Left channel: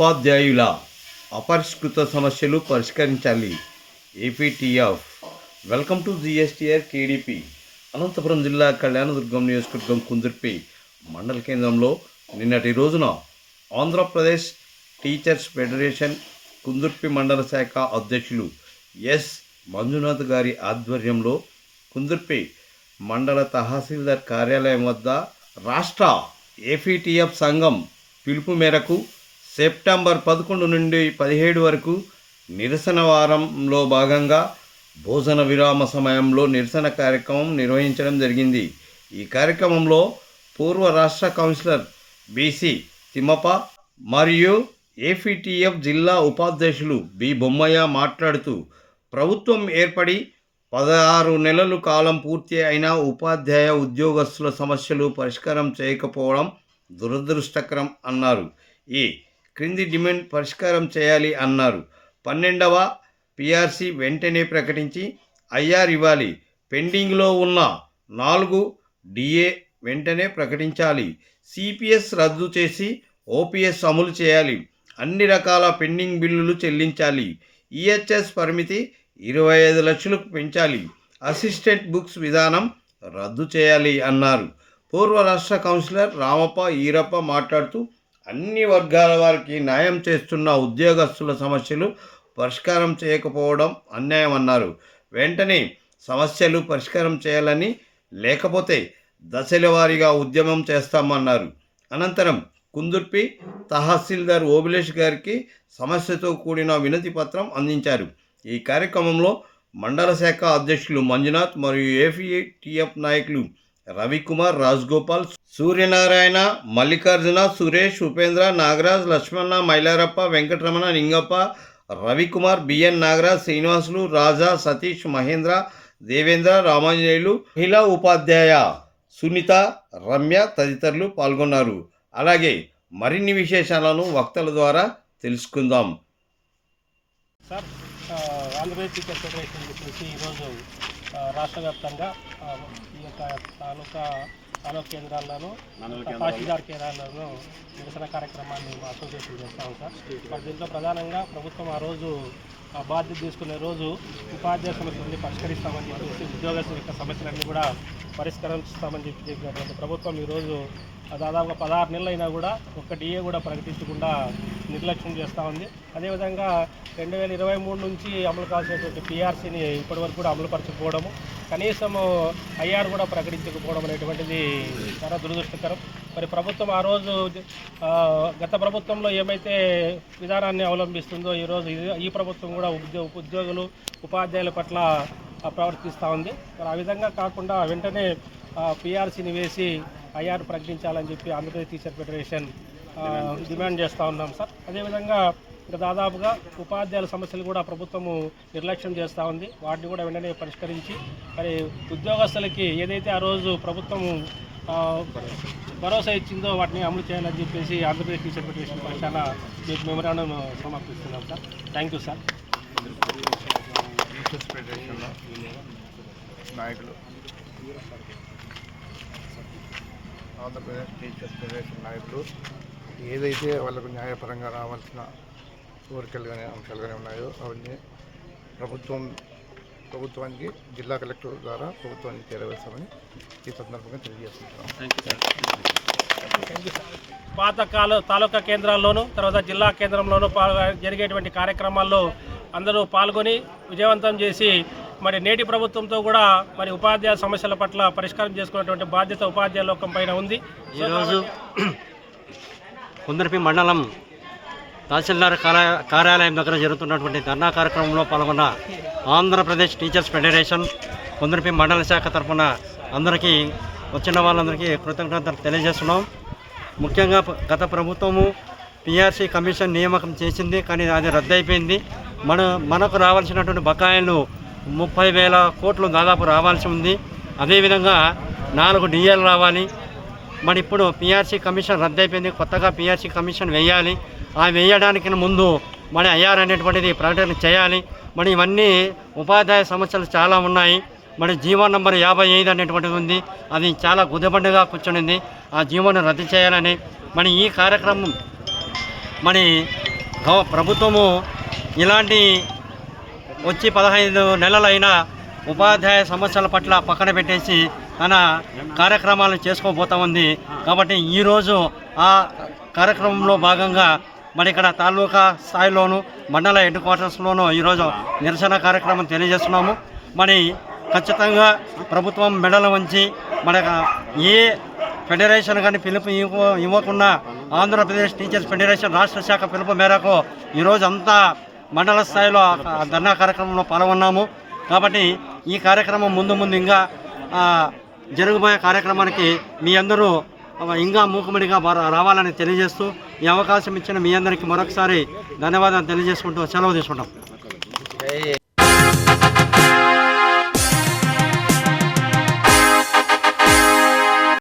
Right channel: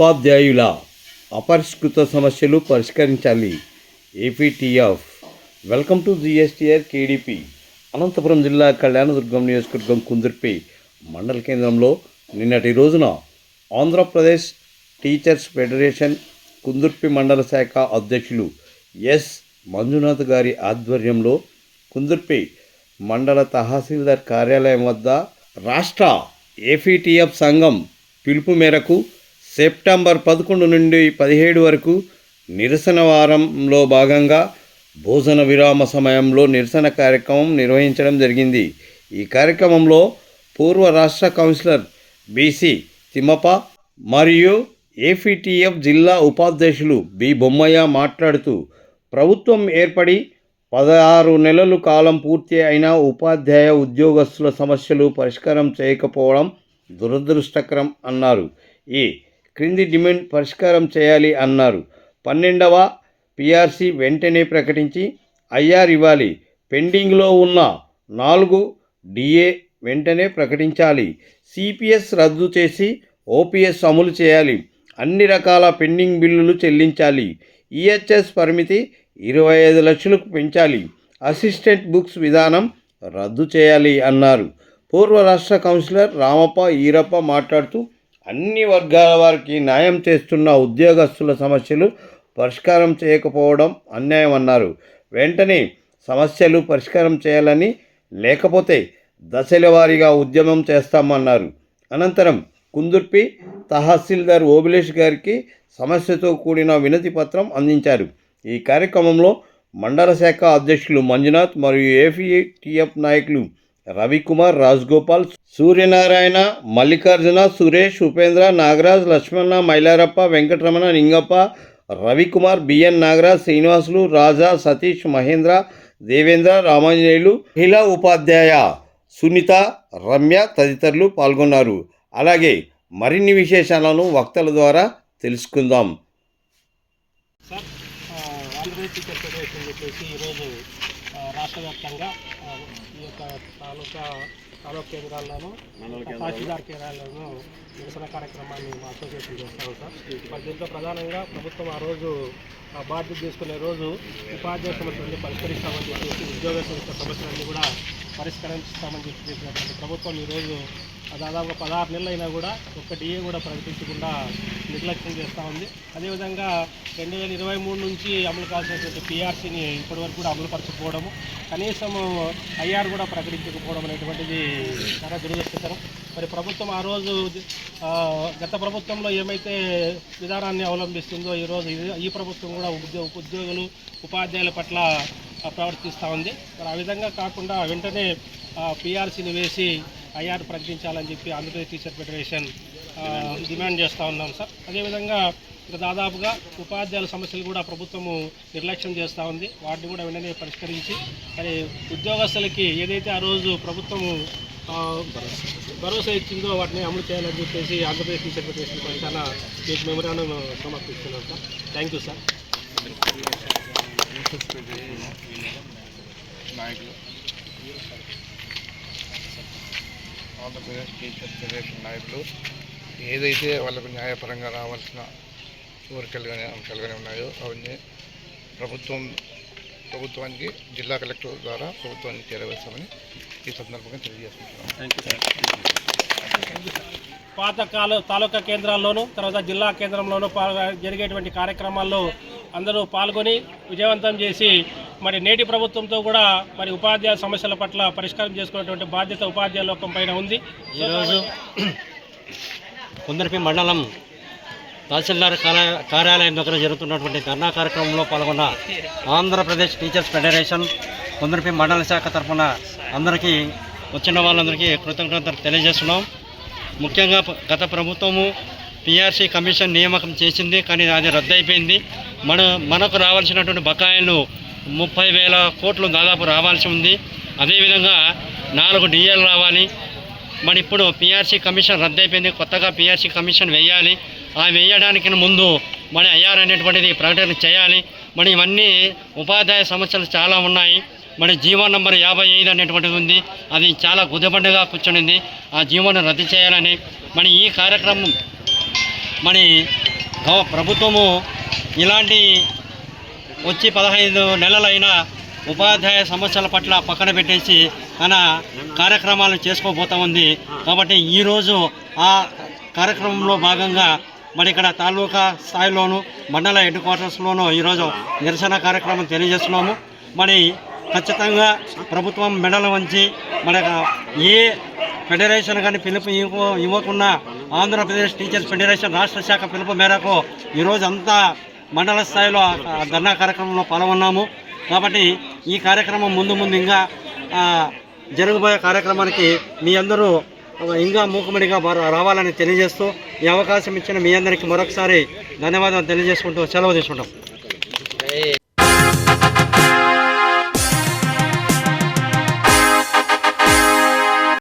ఉపాధ్యాయుల అపరిష్కృత సమస్యలు పరిష్కరించాలి. APTF. Welcome to GSTR KDP Anantapur జిల్లా కళ్యాణదుర్గం నియోజకవర్గం కుందుర్పి మండల కేంద్రంలో నిన్నటి రోజున ఆంధ్రప్రదేశ్ టీచర్స్ ఫెడరేషన్ కుందుర్పి మండల శాఖ అధ్యక్షులు ఎస్. మంజునాథ్ గారి ఆధ్వర్యంలో కుందుర్పి మండల తహసీల్దార్ కార్యాలయం వద్ద రాష్ట్ర ఏపీటీఎఫ్ సంఘం పిలుపు మేరకు సెప్టెంబర్ పదకొండు నుండి పదిహేడు వరకు నిరసన వారంలో భాగంగా భోజన విరామ సమయంలో నిరసన కార్యక్రమం నిర్వహించడం జరిగింది. ఈ కార్యక్రమంలో పూర్వ రాష్ట్ర కౌన్సిలర్ బీసీ తిమ్మప్ప మరియు ఏపీటీఎఫ్ జిల్లా ఉపాధ్యక్షులు బి. బొమ్మయ్య మాట్లాడుతూ ప్రభుత్వం ఏర్పడి పదహారు నెలలు కాలం పూర్తి అయిన ఉపాధ్యాయ ఉద్యోగస్తుల సమస్యలు పరిష్కారం చేయకపోవడం దురదృష్టకరం అన్నారు. ఈ క్రింది డిమాండ్ పరిష్కారం చేయాలి అన్నారు. పన్నెండవ పిఆర్సి వెంటనే ప్రకటించి ఐఆర్ ఇవ్వాలి. పెండింగ్లో ఉన్న నాలుగు డిఏ వెంటనే ప్రకటించాలి. సిపిఎస్ రద్దు చేసి ఓపీఎస్ అమలు చేయాలి. అన్ని రకాల పెండింగ్ బిల్లులు చెల్లించాలి. ఈహెచ్ఎస్ పరిమితి ఇరవై ఐదు లక్షలకు పెంచాలి. అసిస్టెంట్ బుక్స్ విధానం రద్దు చేయాలి అన్నారు. పూర్వ రాష్ట్ర కౌన్సిలర్ రామప్ప ఈరప్ప మాట్లాడుతూ అన్ని వర్గాల వారికి న్యాయం చేస్తున్న ఉద్యోగస్తుల సమస్యలు పరిష్కారం చేయకపోవడం అన్యాయం అన్నారు. వెంటనే సమస్యలు పరిష్కారం చేయాలని లేకపోతే దశల వారీగా ఉద్యమం చేస్తామన్నారు. అనంతరం కుందుర్పి తహసీల్దార్ ఓబిలేష్ గారికి సమస్యతో కూడిన వినతి పత్రం అందించారు. ఈ కార్యక్రమంలో మండల శాఖ అధ్యక్షులు మంజునాథ్ మరియు ఏపీటీఎఫ్ నాయకులు రవికుమార్ రాజ్గోపాల్ సూర్యనారాయణ మల్లికార్జున సురేష్ ఉపేంద్ర నాగరాజ్ లక్ష్మణ మైలారప్ప వెంకటరమణ నింగప్ప రవికుమార్ బిఎన్ నాగరాజ్ శ్రీనివాసులు రాజా సతీష్ మహేంద్ర దేవేంద్ర రామాంజనేయులు మహిళా ఉపాధ్యాయ సునీత రమ్య తదితరులు పాల్గొన్నారు. అలాగే మరిన్ని విశేషాలను వక్తల ద్వారా తెలుసుకుందాం. సార్ ఆంధ్రప్రదేశ్ అసోసియేషన్ చెప్పేసి ఈరోజు రాష్ట్ర వ్యాప్తంగా ఈ యొక్క తాలూకా తాలూకా కేంద్రాల్లోనూ తహసీల్దార్ కేంద్రాల్లోనూ నిరసన కార్యక్రమాన్ని మా అసోసియేషన్ చేస్తాము సార్. మరి దీంట్లో ప్రధానంగా ప్రభుత్వం ఆ రోజు ఆ బాధ్యత తీసుకునే రోజు ఉపాధ్యాయ సమస్యలన్నీ పరిష్కరిస్తామని చెప్పేసి ఉద్యోగ సంస్థ సమస్యలన్నీ కూడా పరిష్కరిస్తామని చెప్పి ప్రభుత్వం ఈరోజు దాదాపుగా పదహారు నెలలు అయినా కూడా ఒక్క డిఏ కూడా ప్రకటించకుండా నిర్లక్ష్యం చేస్తూ ఉంది. అదేవిధంగా రెండు వేల ఇరవై మూడు నుంచి అమలు కావాల్సినటువంటి పిఆర్సీని ఇప్పటివరకు కూడా అమలుపరచకపోవడము కనీసం ఐఆర్ కూడా ప్రకటించకపోవడం అనేటువంటిది చాలా దురదృష్టకరం. మరి ప్రభుత్వం ఆ రోజు గత ప్రభుత్వంలో ఏమైతే విధానాన్ని అవలంబిస్తుందో ఈరోజు ఈ- ఈ ప్రభుత్వం కూడా ఉద్యో ఉద్యోగులు ఉపాధ్యాయుల పట్ల ప్రవర్తిస్తూ ఉంది. మరి ఆ విధంగా కాకుండా వెంటనే పిఆర్సీని వేసి ఐఆర్ ప్రకటించాలని చెప్పి ఆంధ్రప్రదేశ్ టీచర్ ఫెడరేషన్ డిమాండ్ చేస్తూ ఉన్నాం సార్. అదేవిధంగా ఇంకా దాదాపుగా ఉపాధ్యాయుల సమస్యలు కూడా ప్రభుత్వము నిర్లక్ష్యం చేస్తూ ఉంది. వాటిని కూడా వెంటనే పరిష్కరించి మరి ఉద్యోగస్తులకి ఏదైతే ఆ రోజు ప్రభుత్వము భరోసా ఇచ్చిందో వాటిని అమలు చేయాలని చెప్పేసి ఆంధ్రప్రదేశ్ టీచర్ ఫెడరేషన్ పైన మీకు memorandum సమర్పిస్తున్నాం sir. Thank you sir. Teachers federation నాయకులు. ఆంధ్రప్రదేశ్ టీచర్స్ ఫెడరేషన్ నాయకులు ఏదైతే వాళ్ళకు న్యాయపరంగా రావాల్సిన కోరికలు కానీ అంశాలు కానీ ఉన్నాయో అవన్నీ ప్రభుత్వం ప్రభుత్వానికి జిల్లా కలెక్టర్ ద్వారా ప్రభుత్వానికి చేరవేస్తామని ఈ సందర్భంగా తెలియజేస్తున్నాం. పాత కాలు తాలూకా కేంద్రాల్లోనూ తర్వాత జిల్లా కేంద్రంలోనూ పాల్గొ జరిగేటువంటి కార్యక్రమాల్లో అందరూ పాల్గొని విజయవంతం చేసి మరి నేటి ప్రభుత్వంతో కూడా మరి ఉపాధ్యాయ సమస్యల పట్ల పరిష్కారం చేసుకునేటువంటి బాధ్యత ఉపాధ్యాయ లోకం పైన ఉంది. ఈరోజు కుందరపి మండలం తహసీల్దార్ కార్య- కార్యాలయం దగ్గర జరుగుతున్నటువంటి ధర్నా కార్యక్రమంలో పాల్గొన్న ఆంధ్రప్రదేశ్ టీచర్స్ ఫెడరేషన్ కుందరపి మండల శాఖ తరఫున అందరికీ వచ్చిన వాళ్ళందరికీ కృతజ్ఞతలు తెలియజేస్తున్నాం. ముఖ్యంగా గత ప్రభుత్వము పిఆర్సీ కమిషన్ నియామకం చేసింది కానీ అది రద్దయిపోయింది. మన మనకు రావాల్సినటువంటి బకాయిలు ముప్పై వేల కోట్లు దాదాపు రావాల్సి ఉంది. అదేవిధంగా నాలుగు డిఎల్ రావాలి. మరి ఇప్పుడు పిఆర్సీ కమిషన్ రద్దయిపోయింది. కొత్తగా పిఆర్సీ కమిషన్ వేయాలి. ఆ వేయడానికి ముందు మరి ఐఆర్ అనేటువంటిది ప్రకటన చేయాలి. మరి ఇవన్నీ ఉపాధ్యాయ సమస్యలు చాలా ఉన్నాయి. మరి జీవో నంబర్ యాభై ఐదు అనేటువంటిది ఉంది. అది చాలా గుదబండగా కూర్చొనింది. ఆ జీవోను రద్దు చేయాలని మరి ఈ కార్యక్రమం మరి ప్రభుత్వము ఇలాంటి వచ్చి పదహైదు నెలలైనా ఉపాధ్యాయ సమస్యల పట్ల పక్కన పెట్టేసి తన కార్యక్రమాలు చేసుకోబోతా ఉంది కాబట్టి ఈరోజు ఆ కార్యక్రమంలో భాగంగా మరి ఇక్కడ తాలూకా స్థాయిలోను మండల హెడ్ క్వార్టర్స్లోనూ ఈరోజు నిరసన కార్యక్రమం తెలియజేస్తున్నాము. మరి ఖచ్చితంగా ప్రభుత్వం మెడల వంచి మన ఏ ఫెడరేషన్ కానీ పిలుపు ఇవ్వ ఇవ్వకుండా ఆంధ్రప్రదేశ్ టీచర్స్ ఫెడరేషన్ రాష్ట్ర శాఖ పిలుపు మేరకు ఈరోజు అంతా మండల స్థాయిలో ధర్నా కార్యక్రమంలో పాల్గొన్నాము. కాబట్టి ఈ కార్యక్రమం ముందు ముందు ఇంకా జరగబోయే కార్యక్రమానికి మీ అందరూ ఇంకా మూకుమ్మడిగా రావాలని తెలియజేస్తూ ఈ అవకాశం ఇచ్చిన మీ అందరికీ మరొకసారి ధన్యవాదాలు తెలియజేసుకుంటూ సెలవు తీసుకుంటాం.